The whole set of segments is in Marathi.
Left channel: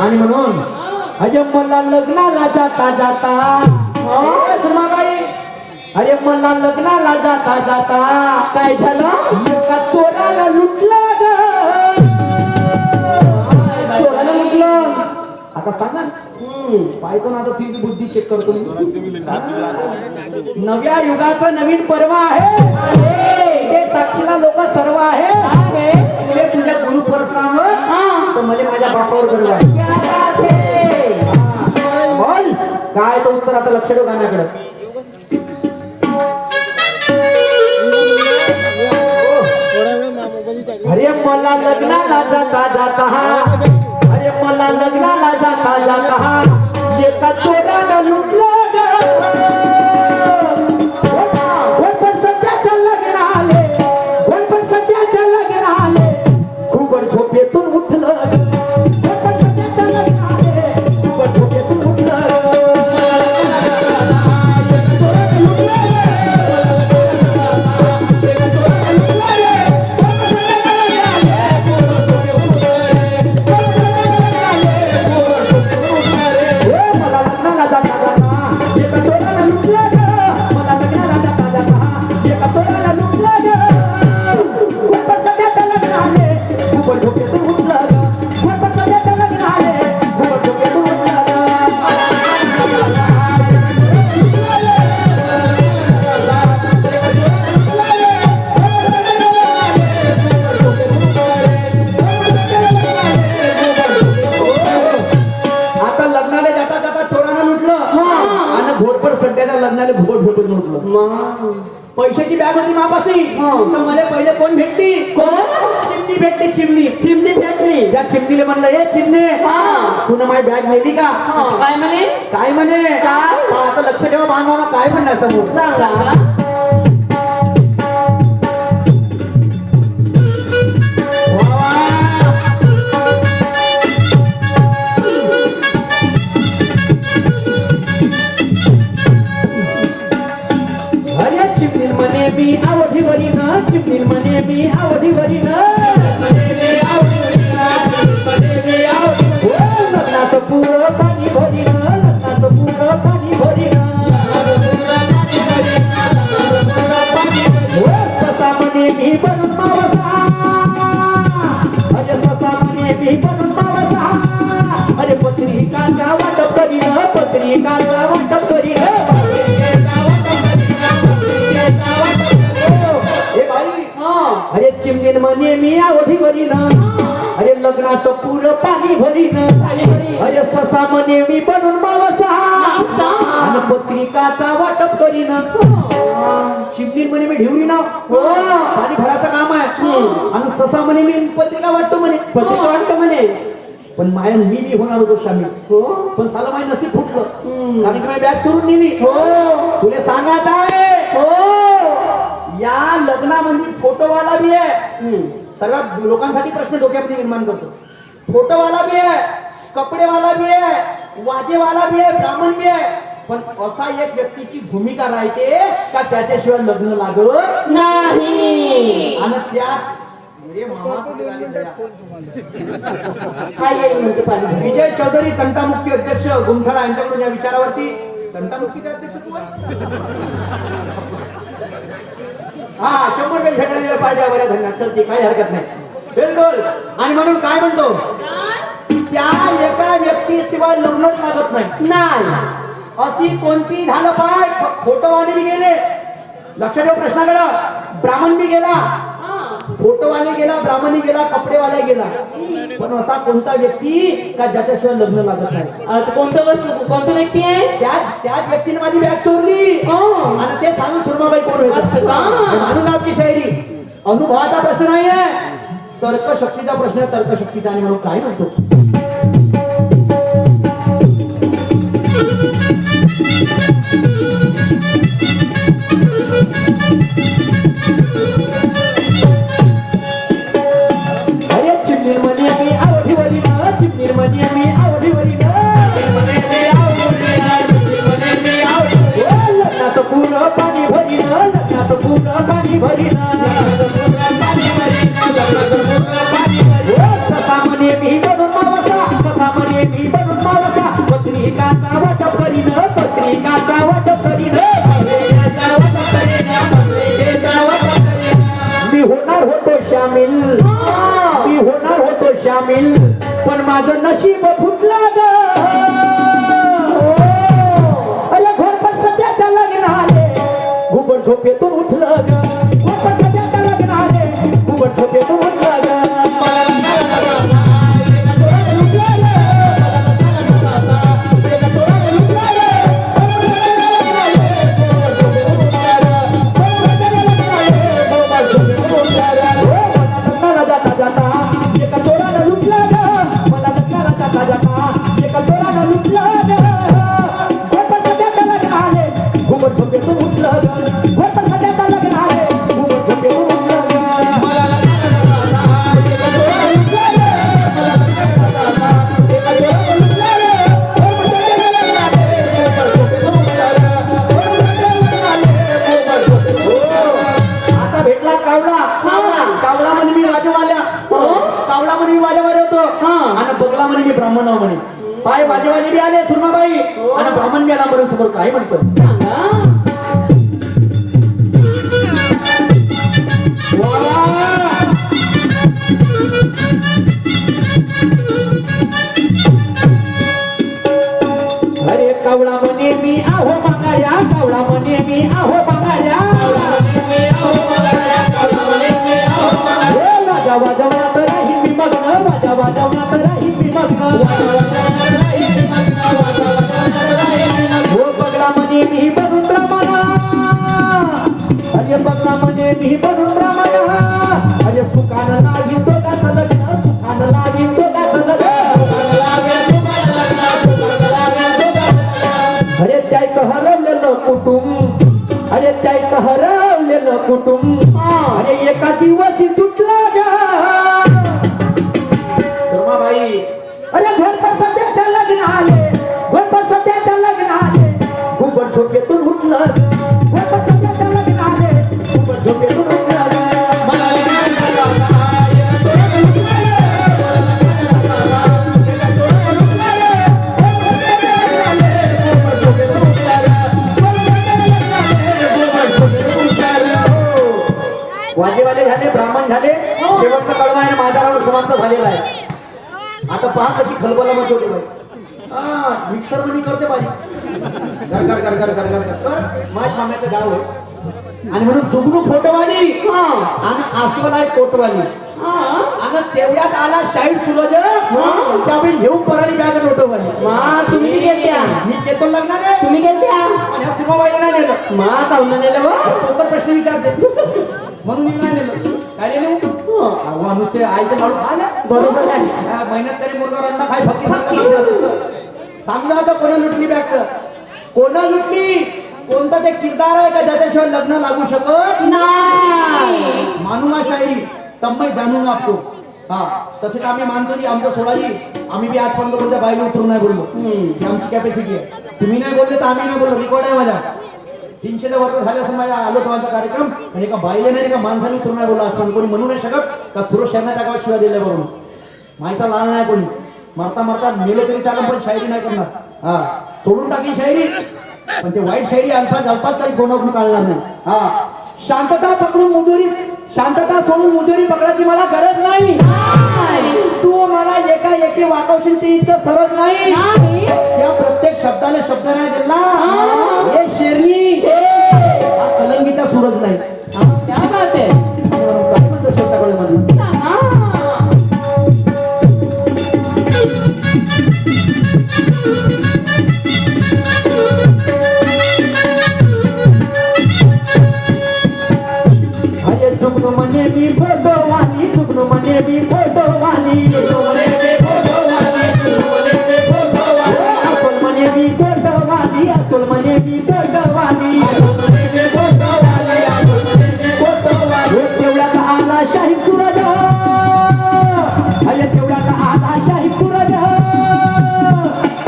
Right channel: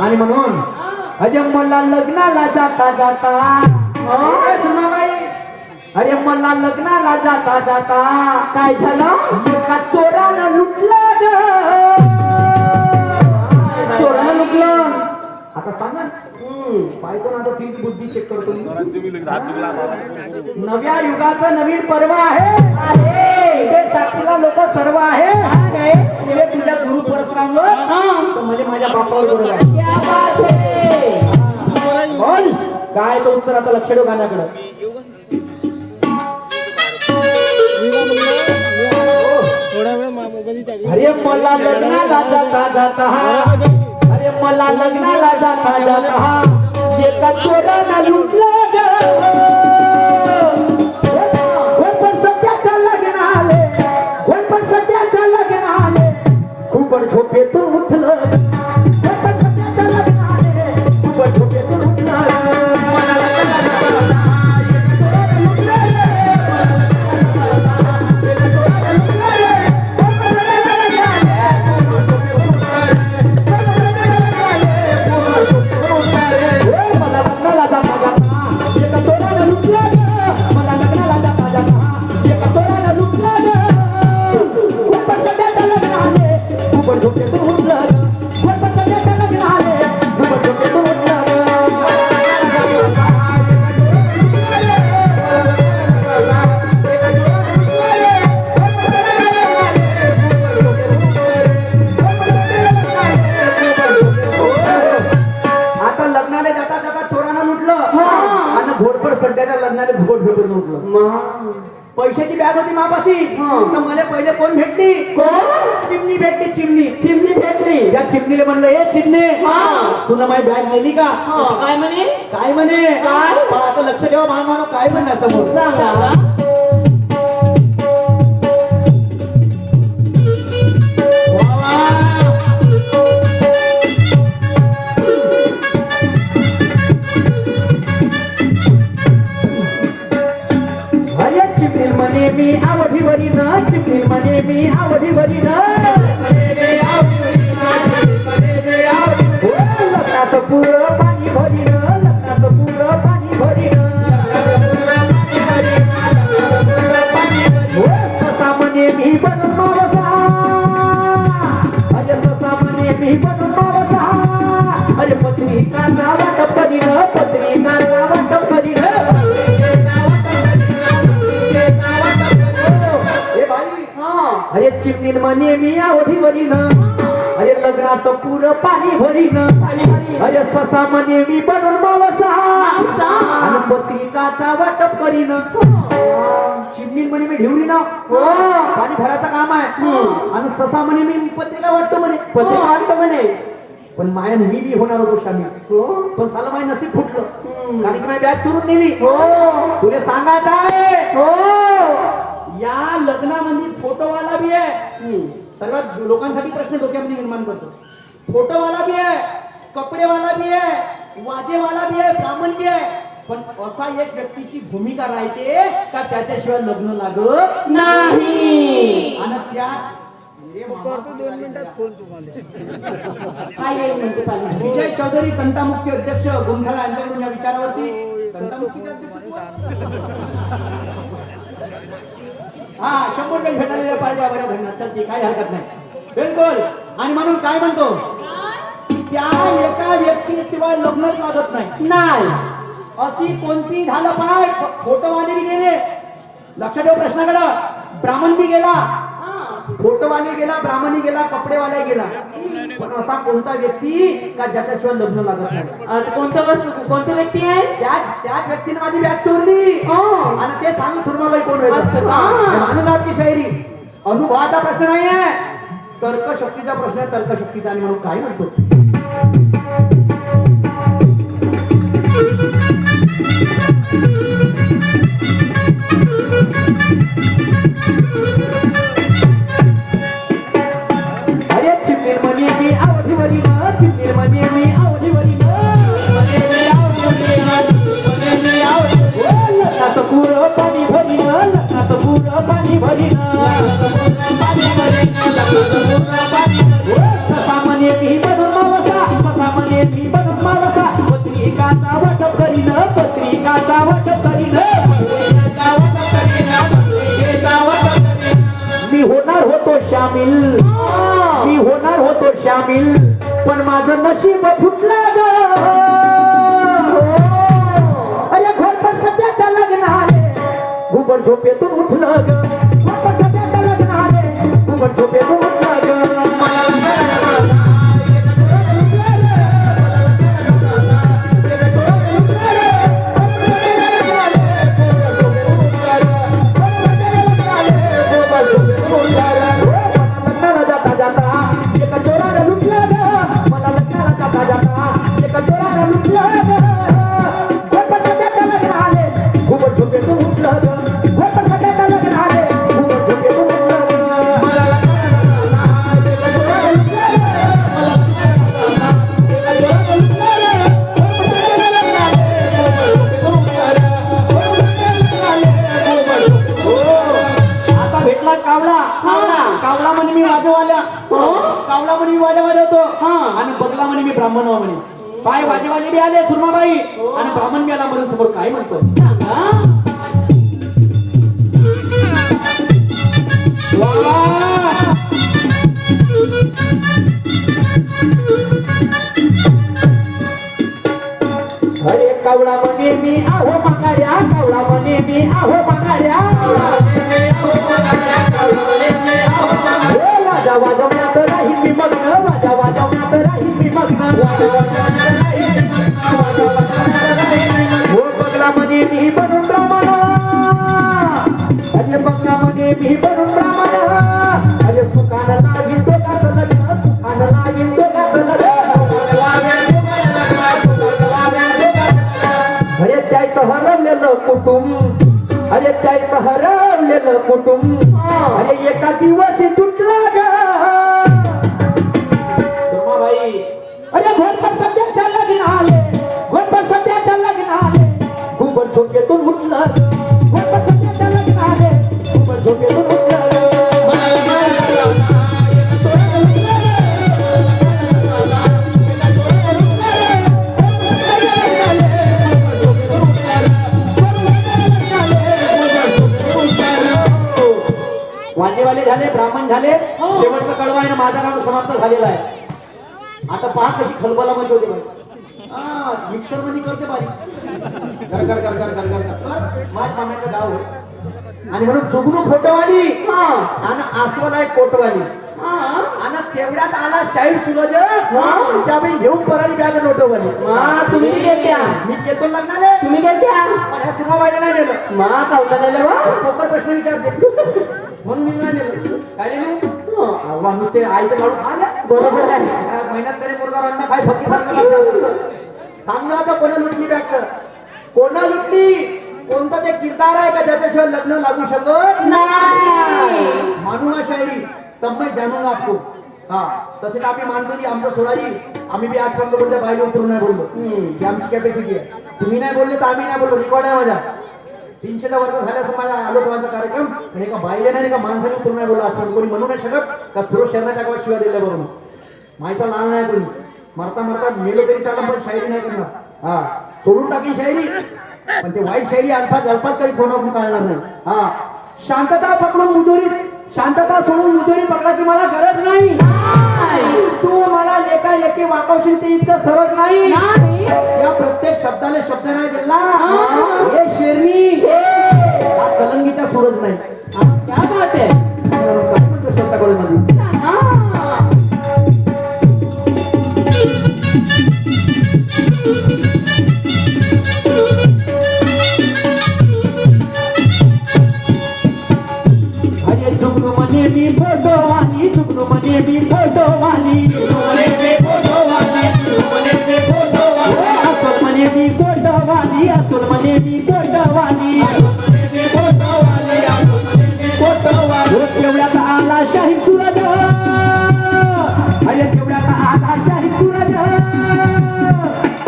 आणि म्हणून अरे मला लग्नाला जाता जाता अरे मला लग्नाला जाता जाता काय झालं? एका चोरानं लुटलं ग. चोरानं लुटलं. आता सांगा पाहतो ना, आता तुमची बुद्धी चेक करतो. नव्या युगाचं नवीन पर्व आहे. इथे साक्षीला लोक सर्व आहे. तिने तुझ्या गुरु परशुराम तर म्हणजे माझ्या बापावर बरोबर आहे. बोल काय तो उत्तर. आता लक्ष ठेव गाण्याकडे. अरे मला लग्नाला जाता जाता अरे मला लग्नाला जाता जाता एका चोरानं लुटलं ग. कोण पण सध्याच्या लग्नाले, कोण पण सध्याच्या लग्नाले खूप झोपेतून उठलं. कोण पण सध्याच्या लग्नाले खूप झोपेतून उठलं. लग्नाला भोट झोपून म्हटलं. पैशाची बॅग होती मापाची. तर मला पहिले कोण भेटली? चिमणी भेटली. चिमणी भेटली. त्या चिमणीला म्हणलं ए चिमणे तुला माझी बॅग नेली का? काय म्हणे? काय म्हणे? आता लक्ष ठेवा मानवाला काय म्हणणार समोर. मी आवडीवरी ना चिमणी म्हणे मी आवडीवरी ना लग्नाचं पुरं पाणी भरी ना. लग्नाचं पुरं पाणी भरी ससा म्हणे मी बनून मावसा. अरे ससा म्हणे मी बनून मावसा. अरे पत्रिकाचा वाटप करी ना. पत्रिकाचा वाटप करी ना. अरे चिमणी म्हणे मी आवडीवरी ना. अरे लग्नाचं पुरं पाणी भरी ना. अरे ससा म्हणे मी बनून मावसा. आणि पत्रिकाचा वाटप करी ना. चिमणी म्हणे मी ढेवरी ना पाणी भरायचं काम आहे. आणि ससा म्हणे मी पत्रिका वाटतो म्हणे. पत्रिका वाटतो म्हणे. पण माया मी होणार होतो शामी. पण साला माझं नसीब फुटलं. कारण की माझी बॅग चोरून नेली. तुला सांगायचं आहे या लग्नामध्ये फोटोवाला बी आहे. सर्वात लोकांसाठी प्रश्न डोक्यामध्ये निर्माण करतो. फोटोवाला बी आहे, कपडेवाला बी आहे, वाजेवाला बी आहे, ब्राह्मण बी आहे. पण असा एक व्यक्तीची भूमिका राहते का त्याच्याशिवाय लग्न लागत नाही. आणि त्याच विजय चौधरी तंटामुक्ती अध्यक्ष गुमथाळा यांच्याकडून या विचारावरती. तंटामुक्तीचे अध्यक्ष तू हा 100 रुपये भेटायला पाहिजे. बऱ्या धन्यवाद. चलते काही हरकत नाही. बिलकुल. आणि म्हणून काय म्हणतो त्या एका व्यक्तीशिवाय लग्नच लागत नाही. अशी कोणती झालं पाय. फोटोवाले बी गेले. लक्ष ठेव प्रश्नाकडे. ब्राह्मण बी गेला, फोटोवाले गेला, ब्राह्मणी गेला, कपडेवाला गेला. पण असा कोणता व्यक्ती का ज्याच्याशिवाय लग्न लागत नाही. कोणता व्यक्ती आहे? त्याच व्यक्तीने माझी बॅग चोरली. आणि ते सांगून सुरमाबाई कोण होतं. माणूलाची शायरी. अनुभवाचा प्रश्न नाहीये, तर्कशक्तीचा प्रश्न आहे. तर्कशक्तीचा. आणि म्हणून काय म्हणतो अरे चिमणी म्हणे मी आवडीवरी ना. चिमणी म्हणे मी आवडीवरी ना. लग्नाचं पुरं पाणी भरीन लग्नात पूर्ण पाणी भरीन ससा म्हणे मी बनून मावसा ससा म्हणे मी बनून मावसा पत्रिकाचा वाटप करीन पत्रिकाचा वाटप करीन मी होणार होतो शामिल मी होणार होतो शामिल पण माझं नशीब फुटलं ग अरे घोरपड सध्याच्या लग्न आले घुबड झोपेतून उठलं ग घोरपड सध्याच्या लग्न आले घुबड झोपेतून उठलं ग ब्राह्मण म्हणे पाय वाजेवाजे बी आले सुरमाबाई आणि ब्राह्मण बी आला म्हणून समोर काय म्हणतो अरे कावळा म्हणे मी आहो बघाड्या कावळा म्हणे मी आहो बघाड्या वाजा वाजवण्यात राही मी मग्न वाजा वाजवण्यात राही मी मग्न हो बगला म्हणे मी बनून प्रमाण अरे बगला म्हणे मी बनून प्रमाण अरे सुखानं लागेल तो कसं लग्न सुखानं लागेल तो कसं अरे त्याचं हरवलेलं कुटुंब अरे त्याचं हरवलेलं कुटुंब अरे एका दिवशी तुटला ग सुरमाबाई अरे घोरपड सध्याच्या लग्न आले घोरपड सध्याच्या लग्न आले घुबड झोपेतून उठलं घोरपड सध्याच्या लग्न आले घुबड झोपेतून उठलं वाजेवाले झाले ब्राह्मण झाले शेवटचा कडवा आहे माझा राऊंड समाप्त झालेला आहे आता पहा कशी खलबला मचवली मिक्सर मध्ये करते बारी घर घर घर घर घर घर माझ्या मामाचं गाव आहे आणि म्हणून जुगनू फोटोवाली आणि आसवन आहे कोटवाली आणि तेवढ्यात आला शाहीर सुरज चावी घेऊन पराली बॅग नोटवाली तुम्ही गेल्या मी येतो लग्नाले तुम्ही गेल्या आणि ह्या सुरमाबाईला नाही नेलं मा कावलं नेलं प्रॉपर प्रश्न विचारते म्हणून मी नाही नेलं काय नेलं नुसते आई तर लाडू खाल्या बरोबर आहे महिन्यात तरी मुलगा रट्टा खाय फक्त सांगा आता कोणा लुटली बॅग कोणा लुटली कोणता ते किरदार आहे का ज्याच्याशिवाय लग्न लागू शकत नाही मानूंगा शायरी तब मैं जानूंगा आपको हा तसे आम्ही मानतो की आमचं सोडाली आम्ही बी आजपर्यंत कोणत्या बाईला उतरून नाही बोललो ही आमची कॅपॅसिटी आहे तुम्ही नाही बोलले तर आम्ही नाही बोललो रेकॉर्ड आहे माझ्या 300 वर्ष झाले असं माझ्या आलो माझा कार्यक्रम आणि एका बाईले नाही एका माणसाने उतरून नाही बोलला आजपर्यंत कोणी म्हणू नाही शकत का सुरेश शर्माच्या गावात शिवाय दिल्या बरोबर मायचा लाल नाही कोणी मारता मारता मेलो तरी चालू पण शायरी नाही करणार हा सोडून टाकली शायरी पण ते वाईट शायरी अल्पाच काही कोणाकडून काढणार नाही हा शांतता पकडून मुजुरी शांतता सोडून मुजुरी पकडायची मला गरज नाही तू मला एका एकी वाकवशील ती इतकं सरळ नाही या प्रत्येक शब्दाला शब्द नाही दिला हे शेरनी हा कलंगीचा सूरज नाही क्या बात है म्हणतो शब्दाकडे मध्ये जुगनू म्हणे मी फोटोवाली जुगनू म्हणे मी फोटोवाली असोल म्हणे मी फोटोवाली असोल म्हणे मी फोटोवाली तेवढ्यात आला शाहीर सूरज अरे तेवढ्यात आला शाहीर सूरज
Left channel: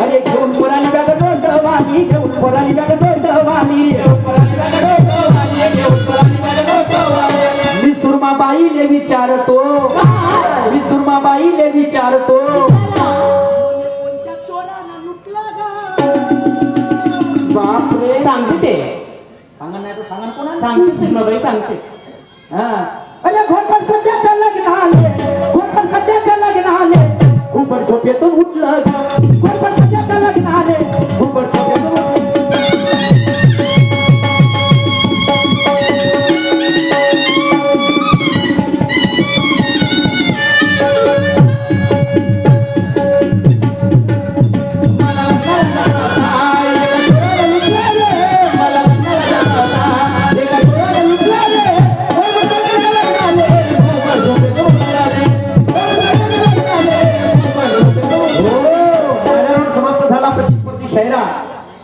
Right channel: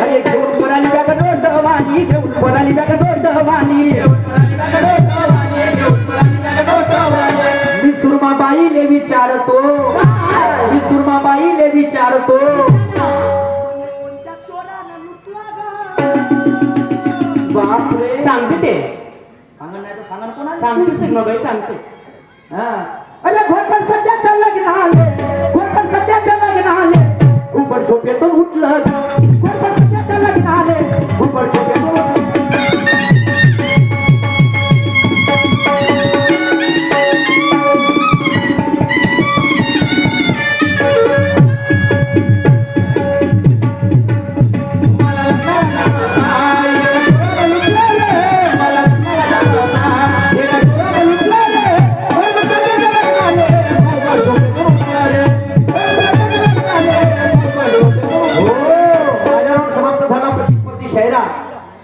अरे घेऊन पोराली बॅग डोंडवाली घेऊन पोराली बॅग डोंडवाली सांगा कोणाला सांगते सीमाबाई सांगते. हा अरे घोटपण सध्या लग्नाले घोटपण सध्या लग्नाले उपर झोपेतून उठलं घोटपण सध्या लग्नाले उपर झोपेतून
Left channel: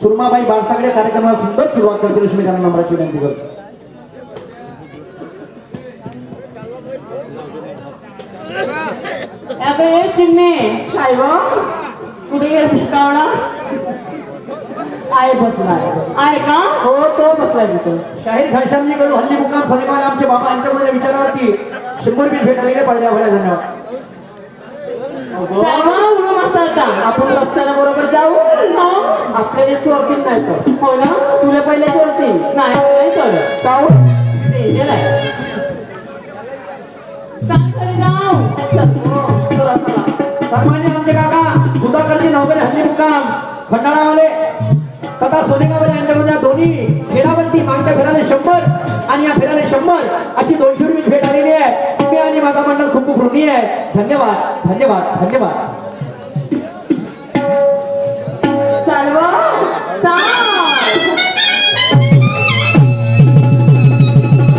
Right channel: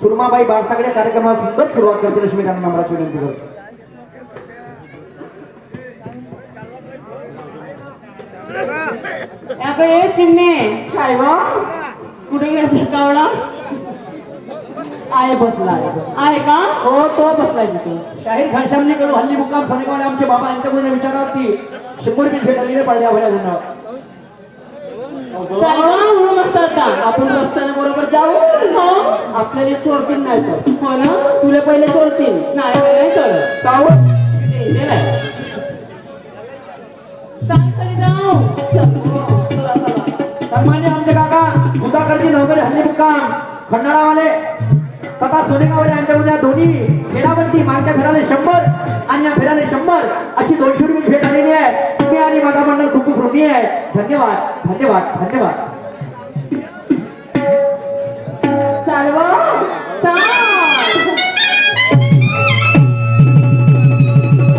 सुरमाबाई बाळसागडे कार्यक्रमाला सुंदर सुरुवात करतील अशी मी त्यांना नम्राची विनंती करतो. अबे चिमणे काय गो कुठे गेली कळला आहे बसला आहे का हो तो बसलाय तिथे. शाहीर घनश्यामजी कडून हल्ली मुक्काम सोनेगावला आमचे बाबा यांच्याकडून विचारावरती 100 रुपये भेट आलेले पडल्या भरा धन्यवाद. आपण बसताना बरोबर जाऊ आपल्याला चोरतील नाही तर हो ना तुला पहिले चोरतील नाही तर जाऊ सन्मान्य आमचे काका सुधाकरजी नवगरे हल्ली मुक्काम खंडाळावाले तथा सोनेगावले यांच्याकडून या दोन्ही फेरावरती मागच्या फेराने 100 आणि या फेराने 100 अशी 200 रुपये भेट आलेली आहे. तुम्ही आणि माझा मंडळ खूप खूप ऋणी आहे. धन्यवाद धन्यवाद धन्यवाद.